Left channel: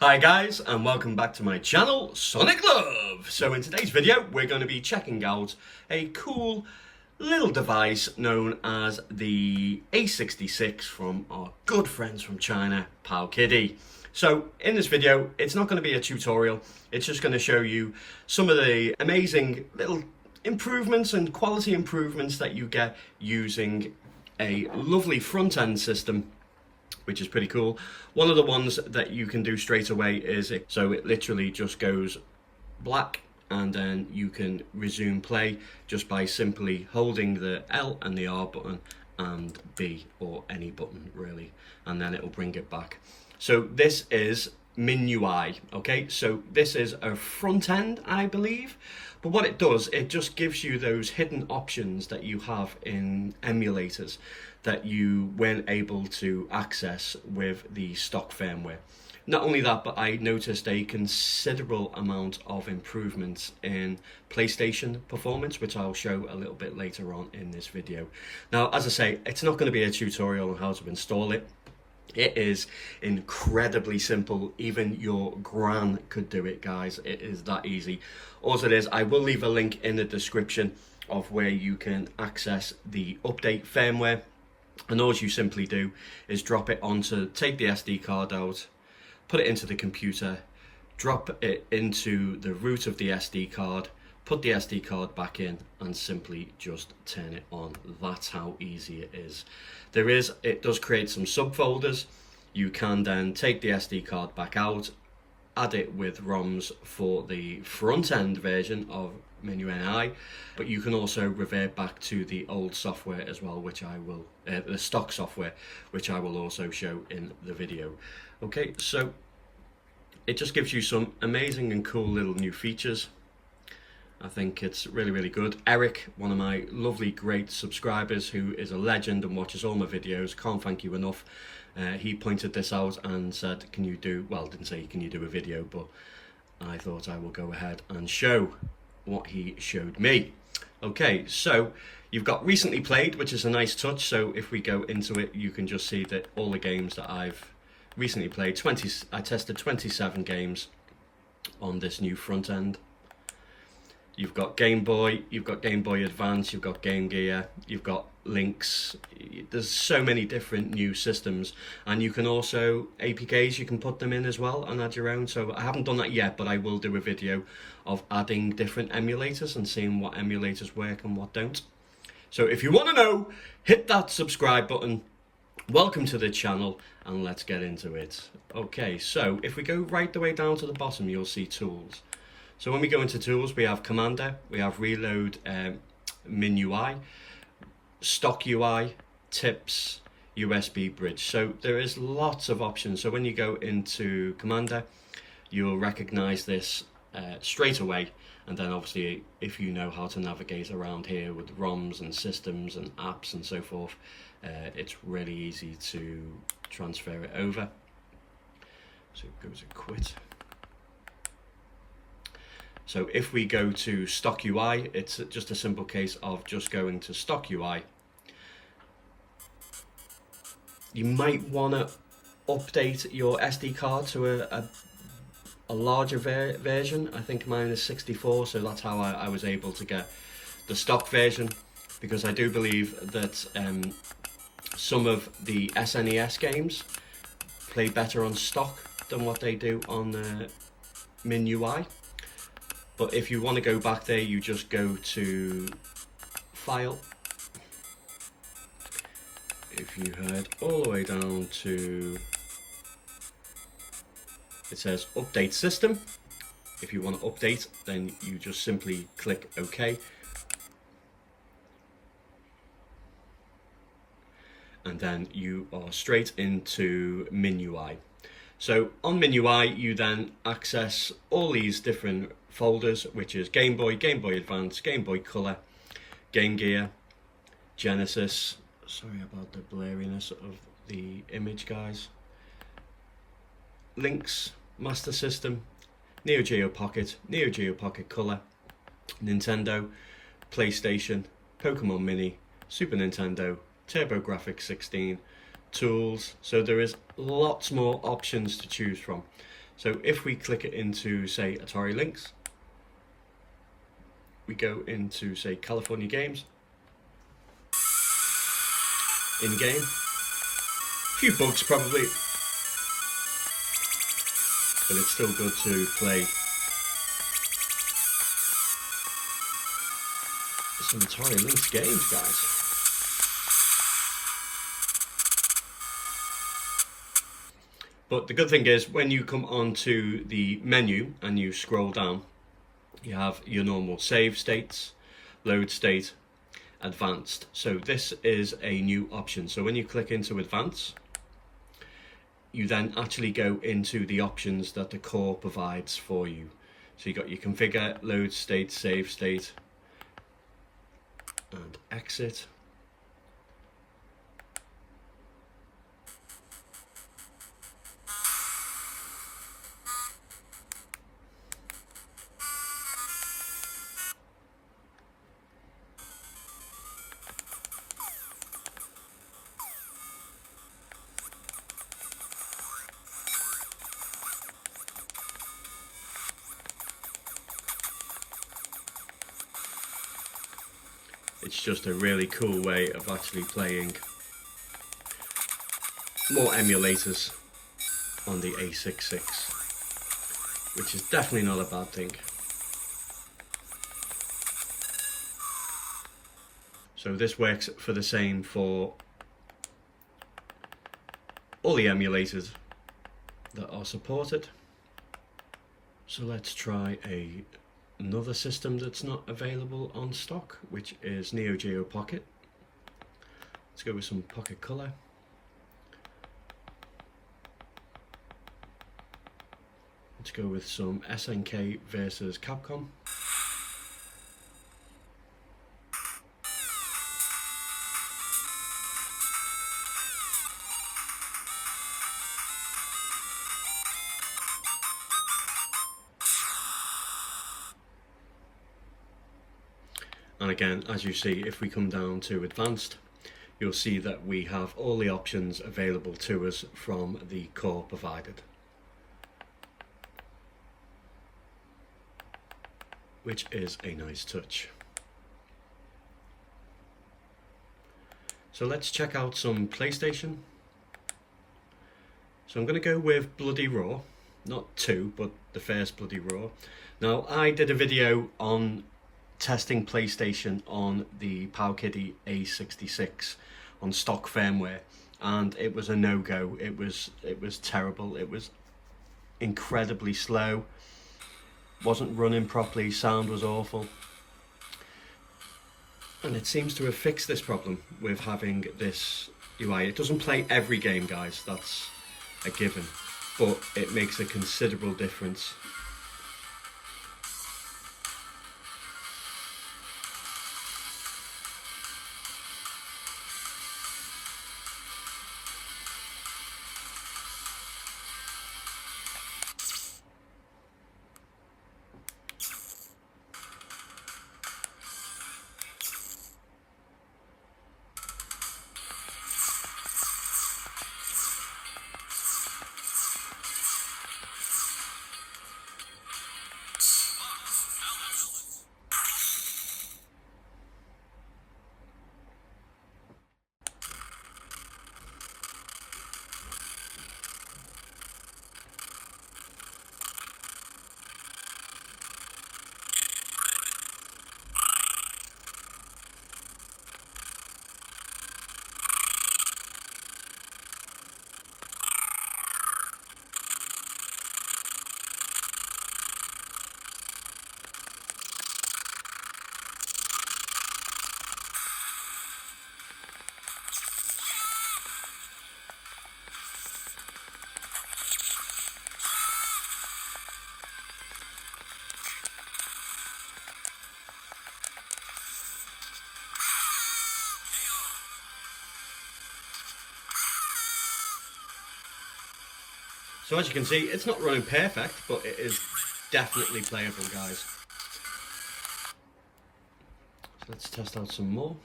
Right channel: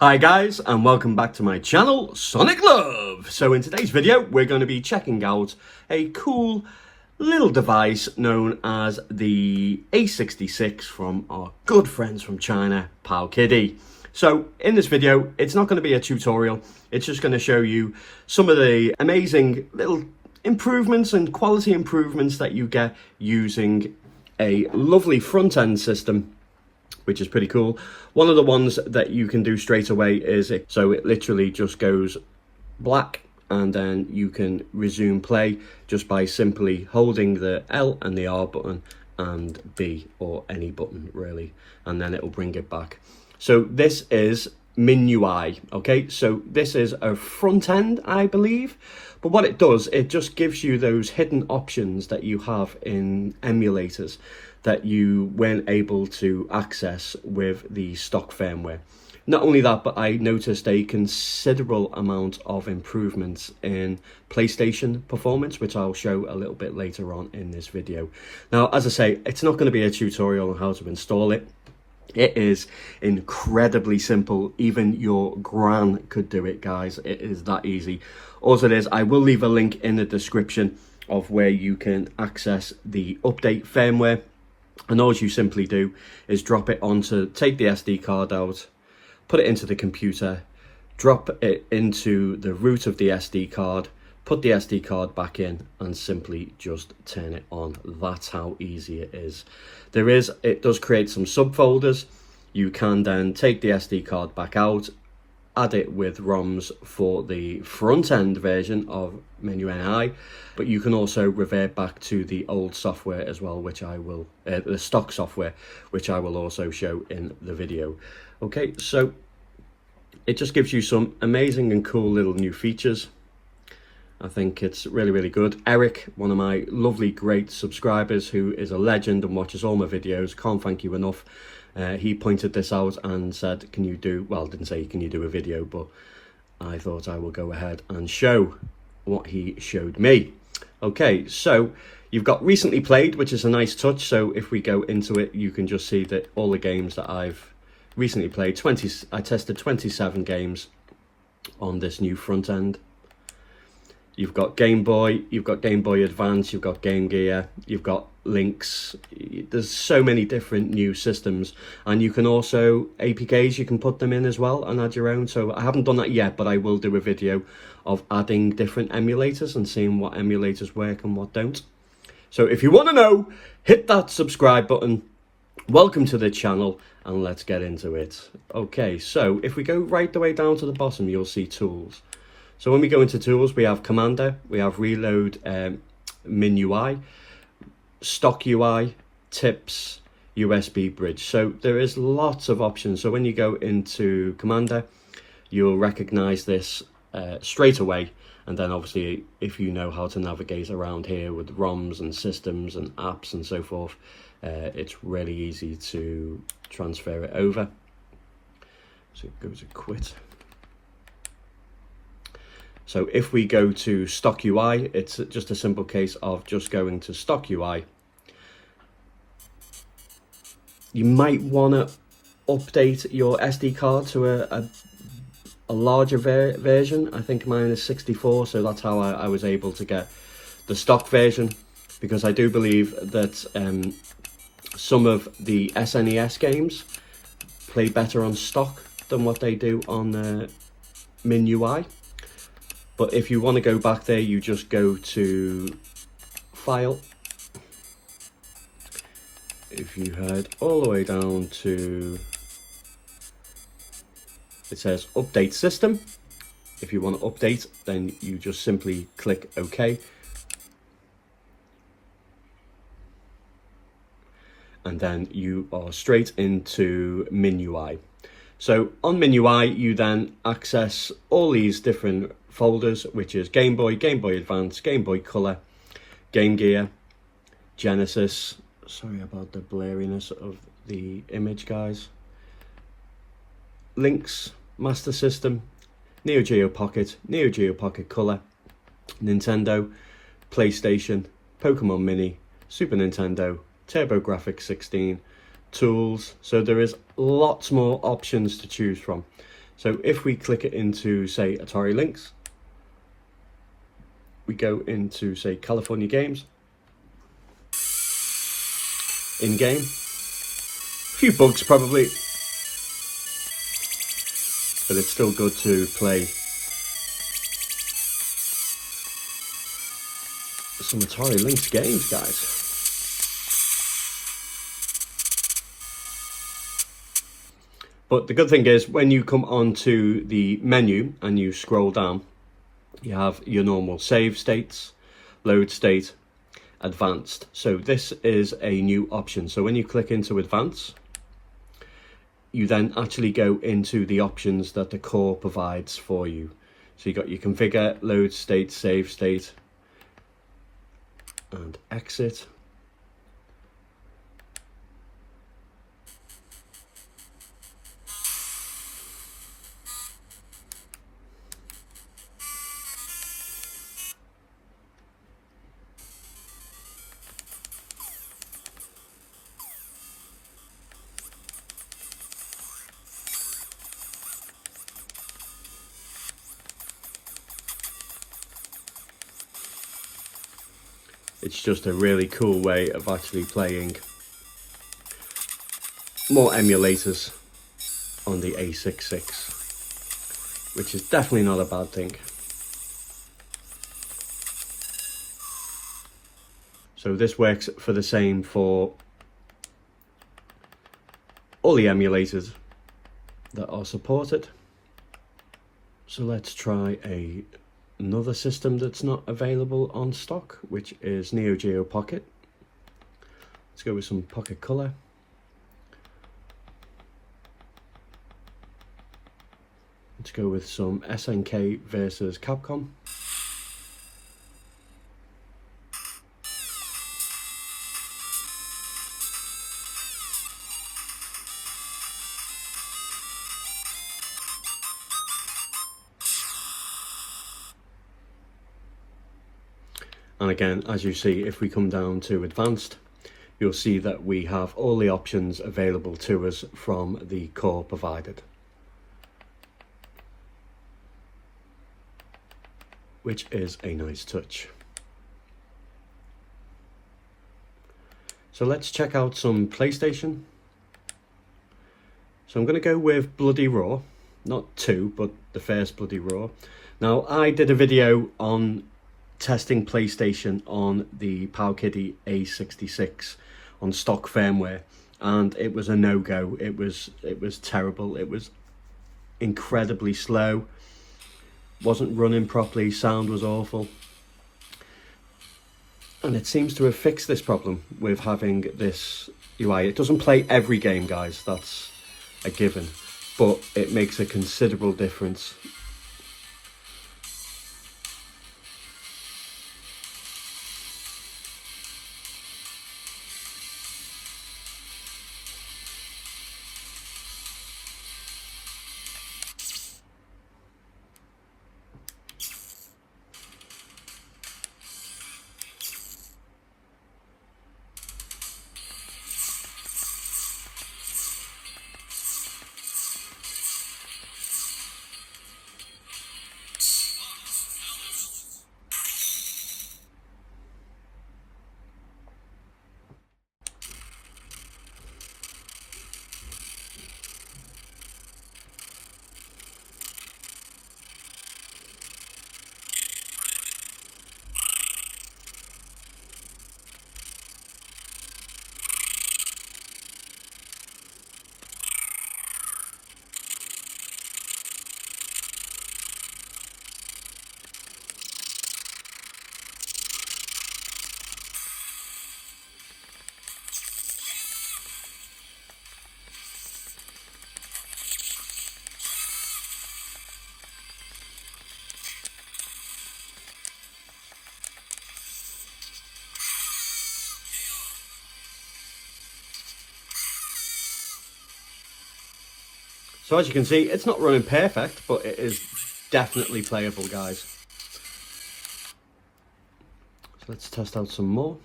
Hi guys, and welcome back to my channel, Sonic Love. So in today's video, we're going to be checking out a cool little device known as the A66 from our good friends from China, Powkiddy. So in this video, it's not going to be a tutorial. It's just going to show you some of the amazing little improvements and quality improvements that you get using a lovely front-end system, which is pretty cool. One of the ones that you can do straight away is it literally just goes black, and then you can resume play just by simply holding the L and the R button and B, or any button really, and then it'll bring it back. So this is MinUI, okay? So this is a front end, I believe, but what it does, it just gives you those hidden options that you have in emulators that you weren't able to access with the stock firmware. Not only that, but I noticed a considerable amount of improvements in PlayStation performance, which I'll show a little bit later on in this video. Now, as I say, it's not going to be a tutorial on how to install it. It is incredibly simple. Even your gran could do it, guys. It is that easy. All it is, I will leave a link in the description of where you can access the update firmware. And all you simply do is drop it onto, take the SD card out, put it into the computer, drop it into the root of the SD card, put the SD card back in, and simply just turn it on. That's how easy it is. It does create some subfolders. You can then take the SD card back out, add it with ROMs for the front end version of MinUI, but you can also revert back to the old software as well, which I will, the stock software, which I will also show in the video. Okay, so it just gives you some amazing and cool little new features. I think it's really, really good. Eric, one of my lovely, great subscribers who is a legend and watches all my videos, can't thank you enough. He pointed this out and said, can you do, well, didn't say can you do a video, but I thought I will go ahead and show what he showed me. Okay, so you've got recently played, which is a nice touch. So if we go into it, you can just see that all the games that I've recently played, I tested 27 games on this new front end. You've got Game Boy, you've got Game Boy Advance, you've got Game Gear, you've got Lynx. There's so many different new systems, and you can also, APKs, you can put them in as well and add your own. So I haven't done that yet, but I will do a video of adding different emulators and seeing what emulators work and what don't. So if you want to know, hit that subscribe button. Welcome to the channel, and let's get into it. Okay, so if we go right the way down to the bottom, you'll see tools. So when we go into tools, we have Commander, we have Reload, MinUI, Stock UI, Tips, USB Bridge. So there is lots of options. So when you go into Commander, you'll recognize this straight away. And then obviously, if you know how to navigate around here with ROMs and systems and apps and so forth, it's really easy to transfer it over. So it goes to quit. So if we go to Stock UI, it's just a simple case of just going to Stock UI. You might want to update your SD card to a larger version. I think mine is 64, so that's how I was able to get the stock version, because I do believe that some of the SNES games play better on stock than what they do on MinUI. But if you want to go back there, you just go to File. If you head all the way down to, it says Update System. If you want to update, then you just simply click OK. And then you are straight into MinUI. So on MinUI, you then access all these different folders, which is Game Boy, Game Boy Advance, Game Boy Color, Game Gear, Genesis. Sorry about the blurriness of the image, guys. Lynx, Master System, Neo Geo Pocket, Neo Geo Pocket Color, Nintendo, PlayStation, Pokemon Mini, Super Nintendo, TurboGrafx 16, tools. So there is lots more options to choose from. So if we click it into, say, Atari Lynx, we go into, say, California Games, in-game, a few bugs probably, but it's still good to play some Atari Lynx games, guys. But the good thing is, when you come onto the menu and you scroll down, you have your normal save states, load state, advanced. So this is a new option. So when you click into advanced, you then actually go into the options that the core provides for you. So you got your configure, load state, save state, and exit. It's just a really cool way of actually playing more emulators on the A66, which is definitely not a bad thing. So this works for the same for all the emulators that are supported. So let's try another system that's not available on stock, which is Neo Geo Pocket. Let's go with some Pocket Color. Let's go with some SNK versus Capcom. And again, as you see, if we come down to advanced, you'll see that we have all the options available to us from the core provided, which is a nice touch. So let's check out some PlayStation. So I'm going to go with Bloody Raw, not 2, but the first Bloody Raw. Now, I did a video on testing PlayStation on the Powkiddy A66 on stock firmware, and it was a no-go. It was terrible. It was incredibly slow, wasn't running properly, sound was awful, and it seems to have fixed this problem with having this UI. It doesn't play every game, guys, that's a given, but it makes a considerable difference. So as you can see, it's not running perfect, but it is definitely playable, guys. So let's test out some more.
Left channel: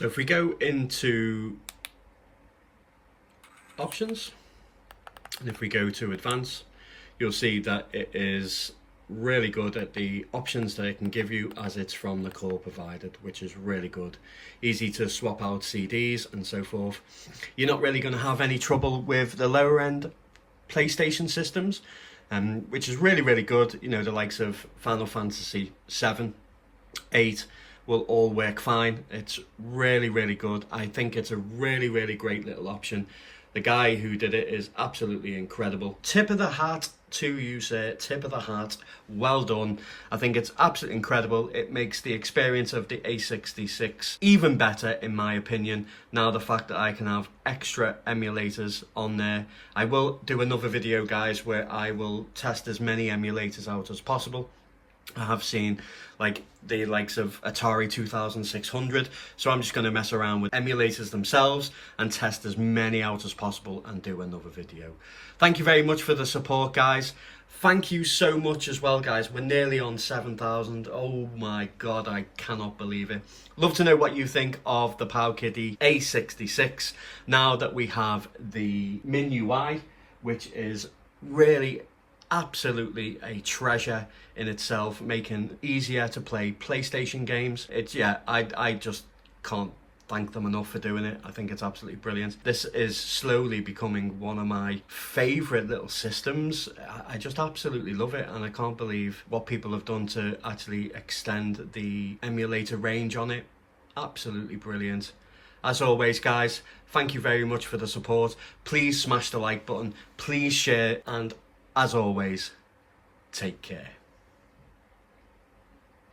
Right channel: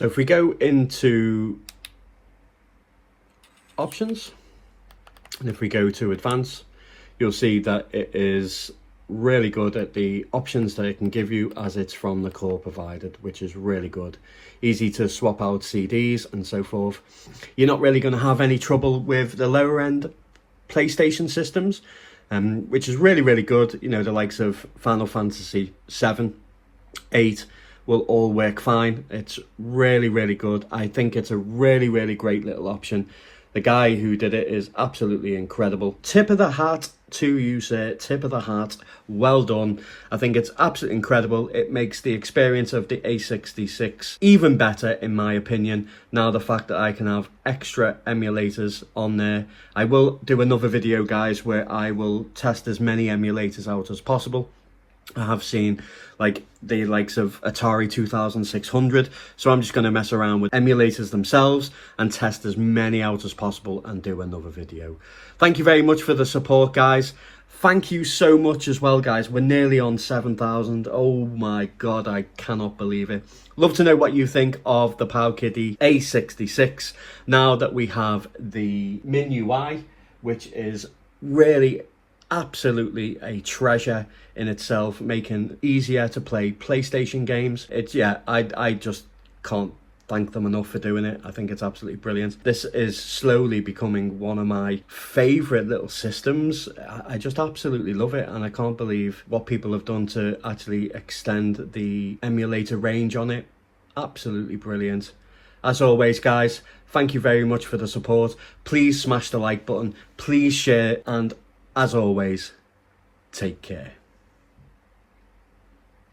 So if we go into options, and if we go to advanced, you'll see that it is really good at the options that it can give you, as it's from the core provided, which is really good. Easy to swap out CDs and so forth. You're not really going to have any trouble with the lower end PlayStation systems, which is really, really good. You know, the likes of Final Fantasy 7, 8 will all work fine. It's really, really good. I think it's a really, really great little option. The guy who did it is absolutely incredible. Tip of the hat to you, sir. Tip of the hat. Well done. I think it's absolutely incredible. It makes the experience of the A66 even better, in my opinion. Now the fact that I can have extra emulators on there. I will do another video, guys, where I will test as many emulators out as possible. I have seen like the likes of Atari 2600, so I'm just going to mess around with emulators themselves and test as many out as possible and do another video. Thank you very much for the support, guys. Thank you so much as well, guys. We're nearly on 7,000. Oh my god, I cannot believe it. Love to know what you think of the Powkiddy A66 now that we have the MinUI, which is really absolutely a treasure in itself, making easier to play PlayStation games. It's, yeah, I just can't thank them enough for doing it. I think it's absolutely brilliant. This is slowly becoming one of my favorite little systems. I just absolutely love it, and I can't believe what people have done to actually extend the emulator range on it. Absolutely brilliant. As always, guys, thank you very much for the support. Please smash the like button, please share, and as always, take care.